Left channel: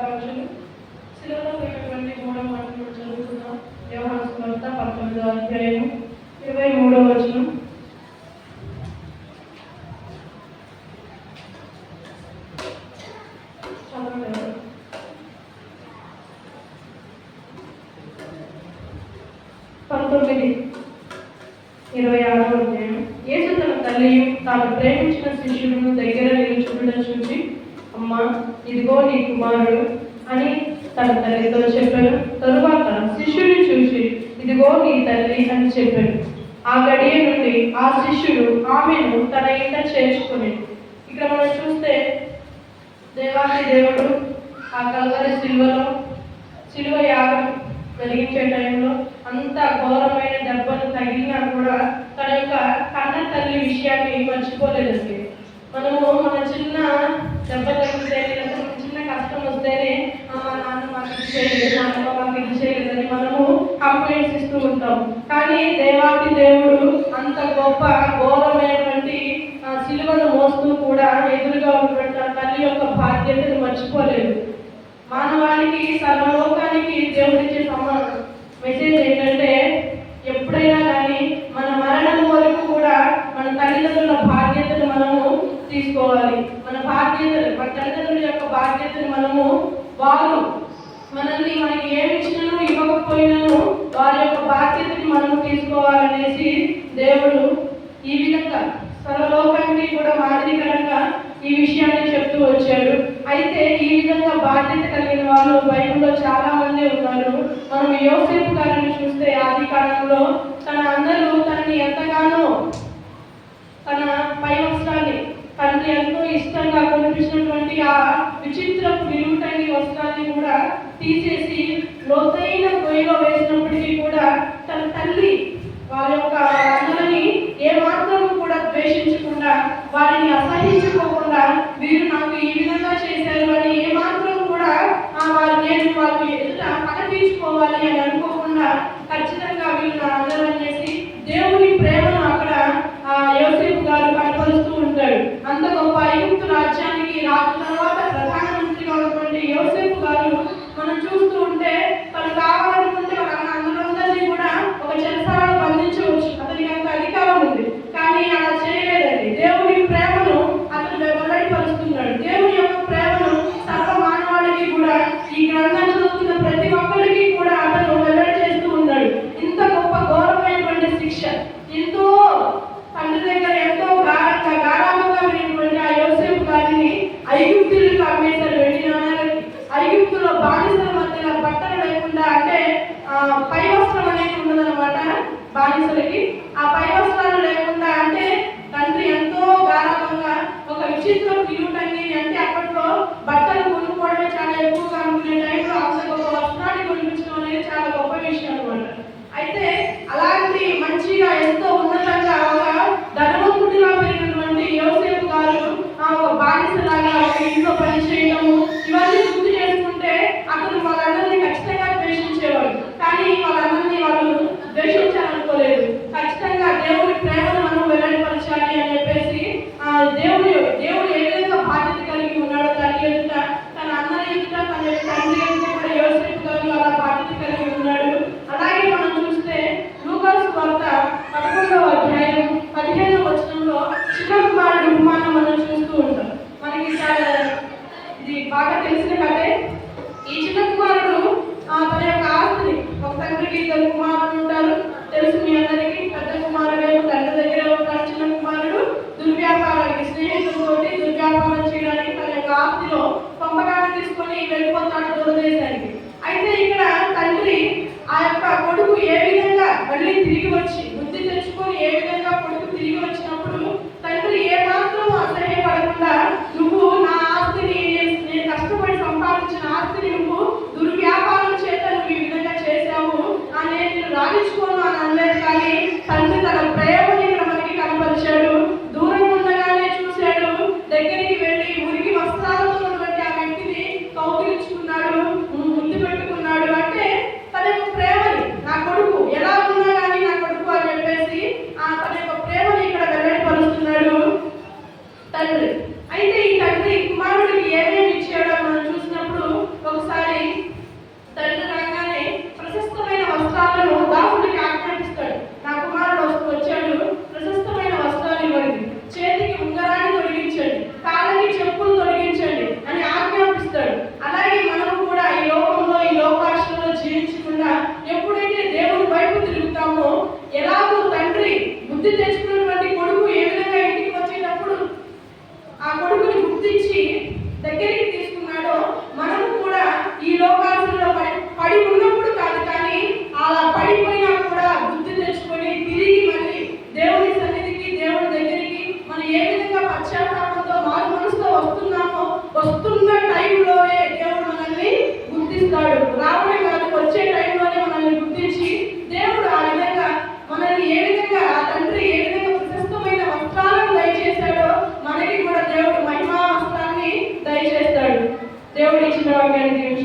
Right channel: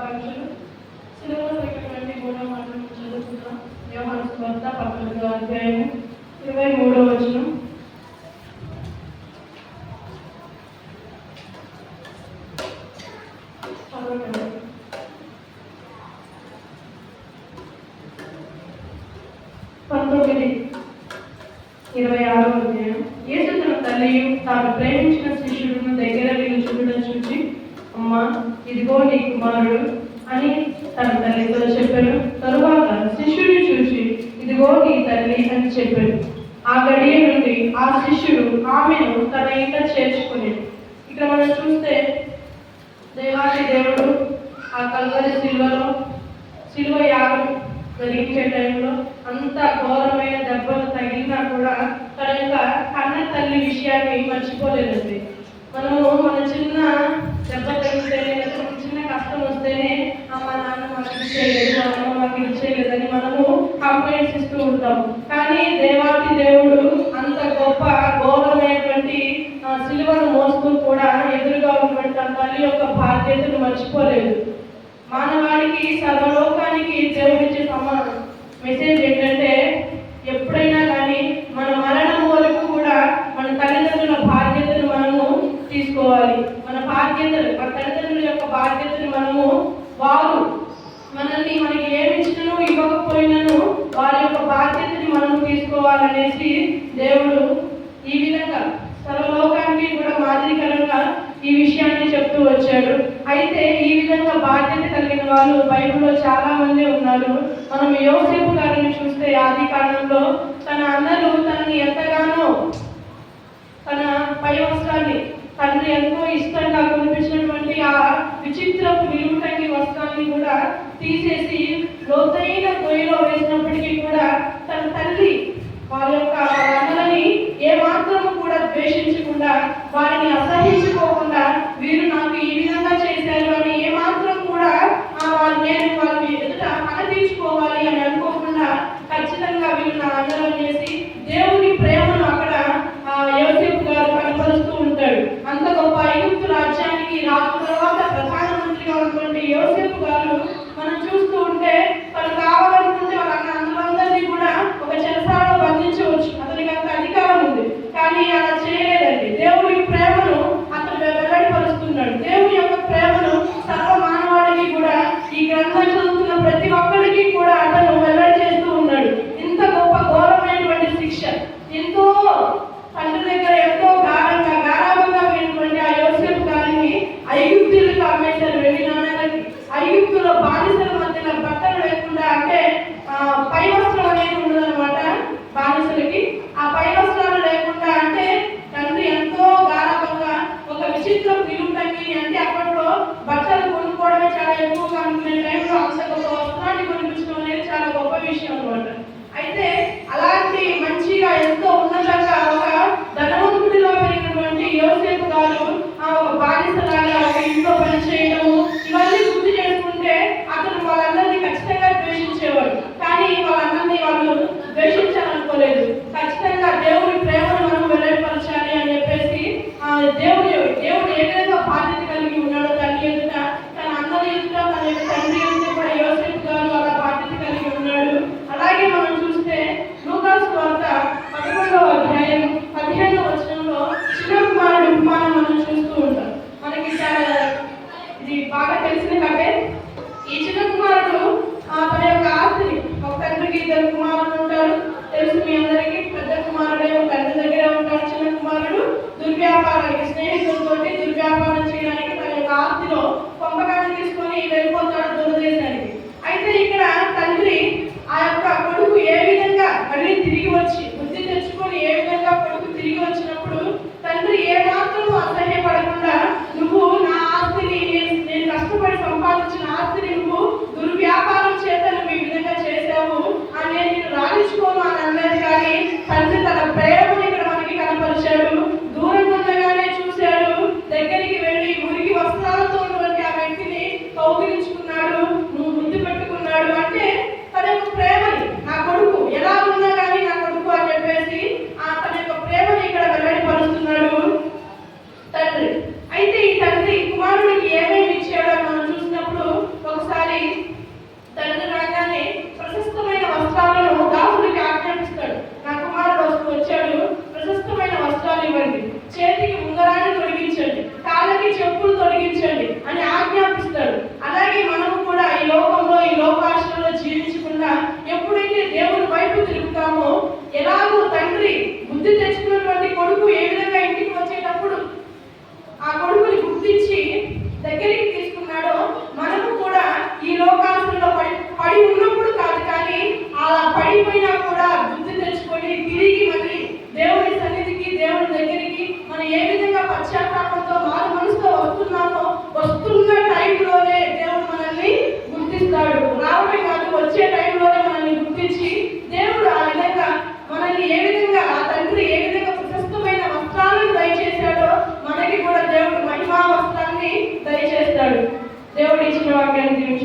శుభాకాంక్షలు. సిలువలో పెట్టినటువంటి మూడవ మాటలు చదువుకుందాం. యోహాను సువార్త 19వ అధ్యాయం 23వ వచనం. చదవండి. 19:26వ అధ్యాయం. యేసు తన తల్లియు తాను ప్రేమించిన శిష్యులను దగ్గర నిలుచుండుట చూసి, అమ్మా, ఇదిగో నీ కుమారుడు అని తన తల్లితో చెప్పాడు. తరువాత శిష్యుని చూసి, ఇదిగో నీ తల్లి అని చెప్పాడు. ఆ గడియ నుండి ఆ శిష్యుడు ఆమెను తన ఇంట చేర్చుకునేది. ఇక్కడ మనం చూస్తే దేవాది దేవుడు ఆ కల్వరి శిలువ యాగం జరిగించే టైంలో అంత ఘోరమైన దెబ్బలు తగిలినా కూడా తన యొక్క కన్న తల్లి విషయాన్ని మర్చిపోలేదండి. మనము మన చిన్న దెబ్బ తగిలితే, చిన్న కష్టం వస్తేనే మా నాన్న మాకు ఇది చేయలేదు, మా అమ్మ మాకు ఇది చేయలేదని మనము కంప్లైంట్స్ ఇస్తూ ఉంటాం. కానీ దేవాది దేవుడు అంత గొప్ప ఘోరమైనటువంటి శిలువను మోస్తూ కూడా ఎదురుగా ఉన్నటువంటి తన తల్లి యొక్క బాధ్యతను మర్చిపోలేదు. మానవాళికి, సర్వలోకానికి దేవుడిచ్చే మెసేజ్ ఏంటంటే, ఎప్పుడైనా కానీ మన మరణం వరకు కూడా మన తల్లిదండ్రుల బాధ్యతను మనము తీసుకోవాలి. మన తల్లిదండ్రుల యొక్క బాధ్యతను వారు మనకి ఏమి ఇచ్చినా ఇవ్వకపోయినాను వారి యొక్క బాధ్యతని మనము తీసుకోవాలనేసి దేవుడు ఈ విధంగా సర్వలోకానికి కూడా మాదిరికరంగా ఈ విషయాన్ని చెప్తూ వచ్చాడు. అయితే ఈ విధంగా బాధ్యత కలిగిన వాళ్ళు బైబిల్లో చాలా మంది ఉన్నారు. మనం యోసేపు గారిని చూస్తే ఆది కాలంలో అందరూ తనని ఎంతగానో తన పై వస్త్రాన్ని తండ్రి ఎంతో ఇష్టంగా కొనిపించినటువంటి ఆ విచిత్రపు విలువటంగి వస్త్రాన్ని కూడా తీసేసి లోతైన పొయ్యిలో వేసినప్పటికీ కూడా తన తల్లి వారి యొక్క అన్నలని ఏమాత్రము కూడా ద్వేషించకుండా, వారిని అసహించుకోకుండా, వీరు నాకు ఈ విధంగా చేశారు అని ఏమాత్రం కూడా నేను వారి ఎదుట కనిపించుకోవాలి అని అనుకోకుండా ఖచ్చితంగా వీళ్ళు నా అందరూ అనేసి దేవుని ప్రేమను అక్కడ యోసేపు గారు కనపరుస్తూ ఉంటాడు. అంత గొప్ప ఐగుప్తు రాజ్యానికి రాజు తర్వాత ప్రధానమంత్రిగా ఉన్నటువంటి యోసేపు గారు మనం చూస్తూ ఉంటే తను కావాలనుకుంటే అందరినీ కూడా ఒక చెరసాలలో బంధించవచ్చు, అతనికి అంత అధికారం ఉంది. కానీ అలా చేయలేదండి. దేవుని ప్రేమను అతను వాక్యాన్ని